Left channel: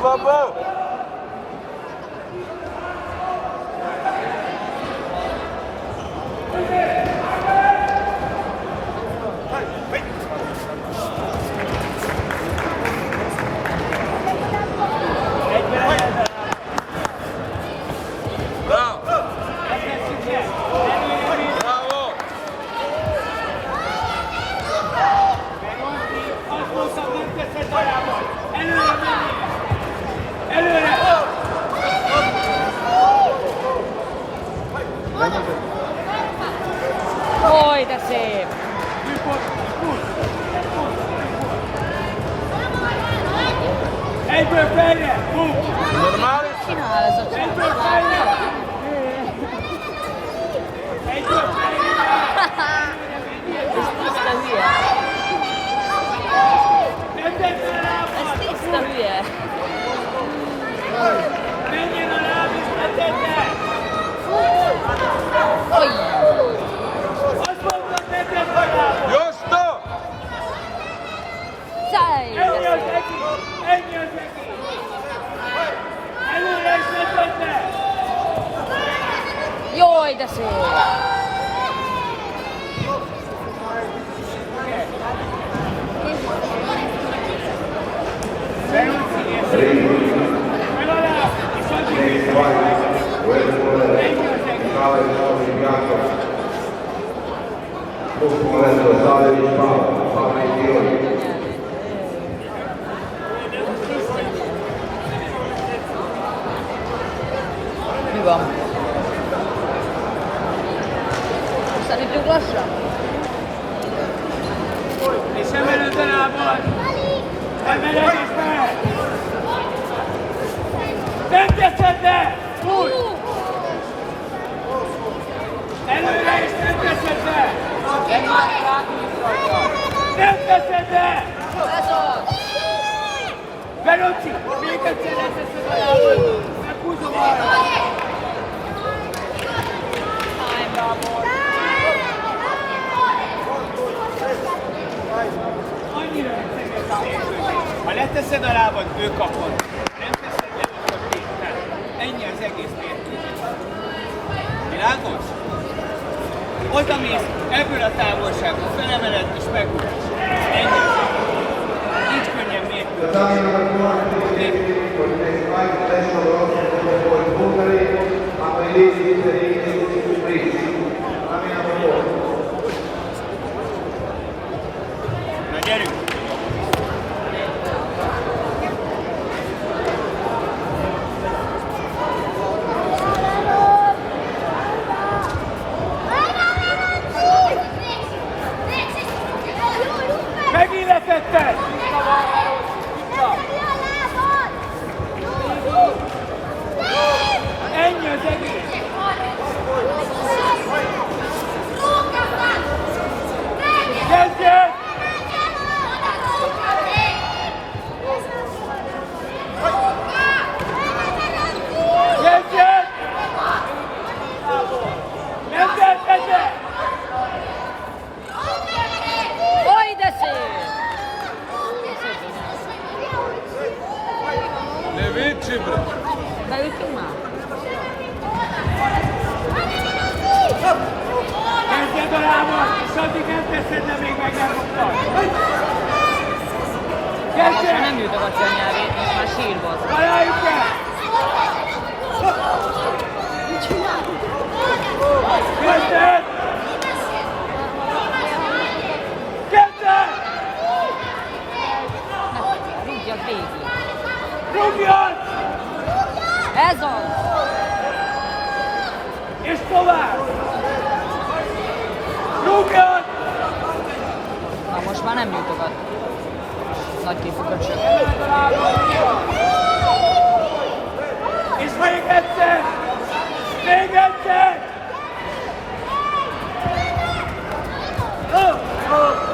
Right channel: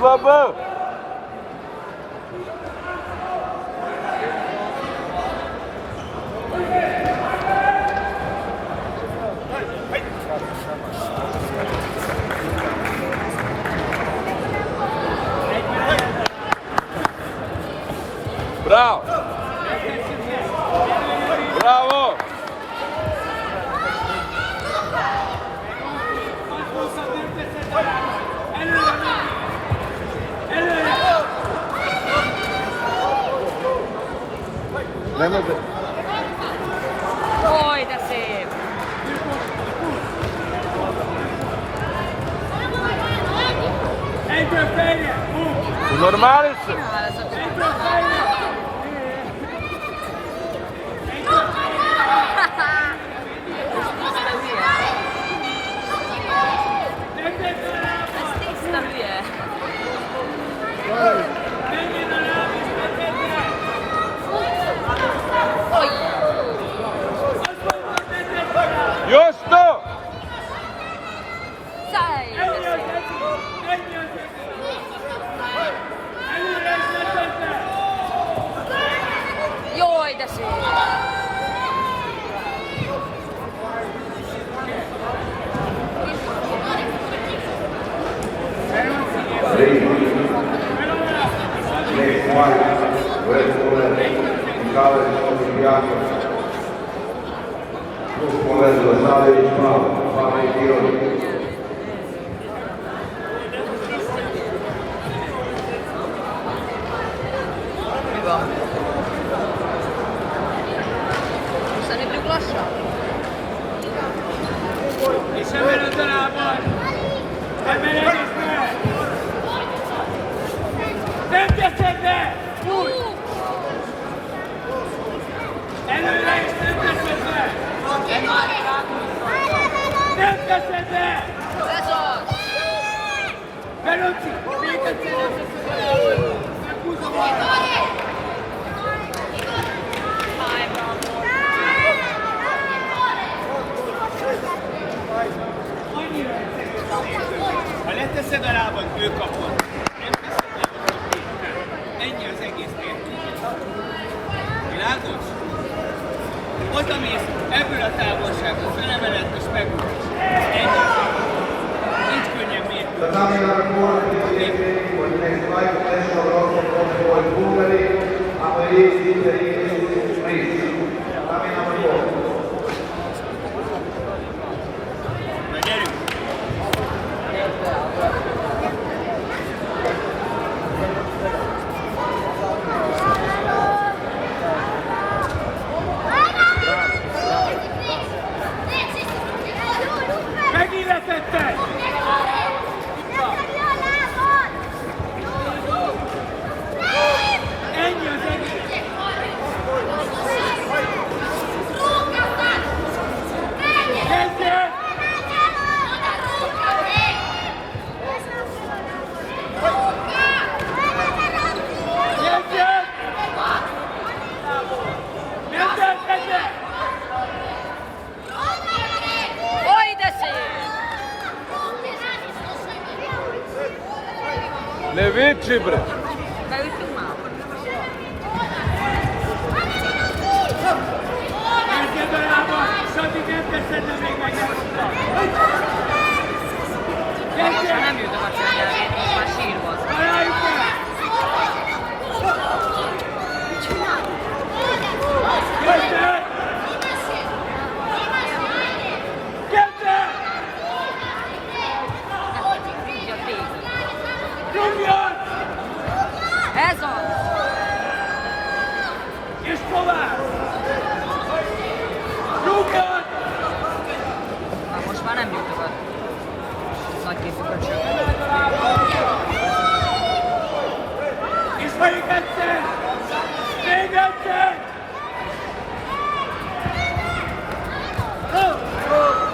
Baba! Bravo! Bravo! Oj, de szép! Egyből fejre! Normális? Egyből fejre! Egyből fejre! Ez tiszta hülye! Egyetlen lábban! Ez tiszta hülye! Menjen a lábban! Egyetlen! Azt mondom, egyetlen lábban! Justo! Szállj! Ennyi az egész! Ennyi az egész! Előre is egyetlen! Jaj, de szép! Mi van? Most elinduljuk lassan? És emeled a lábad! Emeled és meg! Nem teszed le! Úgy! Előre és nem teszed le! Nem teszed le! Ez az! Garanci! Még egyszer nem teszed a lábad! Meghúzom arra! Annyira egyszerűen. Ha leteszed a lábad, ő kapod. Nem teszed le, ő kapod. Ennyi az egész mérkőzés. Világos? Oda mész, ebből a távolságból felemeled és megújulsz. Ennyi az egész. Nincs könnyen Na gyerünk! Megilletetted! Ennyi az egész! Kezdjön! Kezdjön! Nem tetted le! Jaj, de szép! Ne vici, bro! Beütünk már? Nézzed a lábad, és addig nem teszed le még a nyarokkal! Kezdjön! Nem jut a nyelvét, már sírva. Találjuk el! Kezdjön! Kezdjön! Rúgjon! Ez az! És tovább! Rúgjon! Most már nem jutogat. Nagy képeket sem. És még egyszer! Még egyszer! Oh!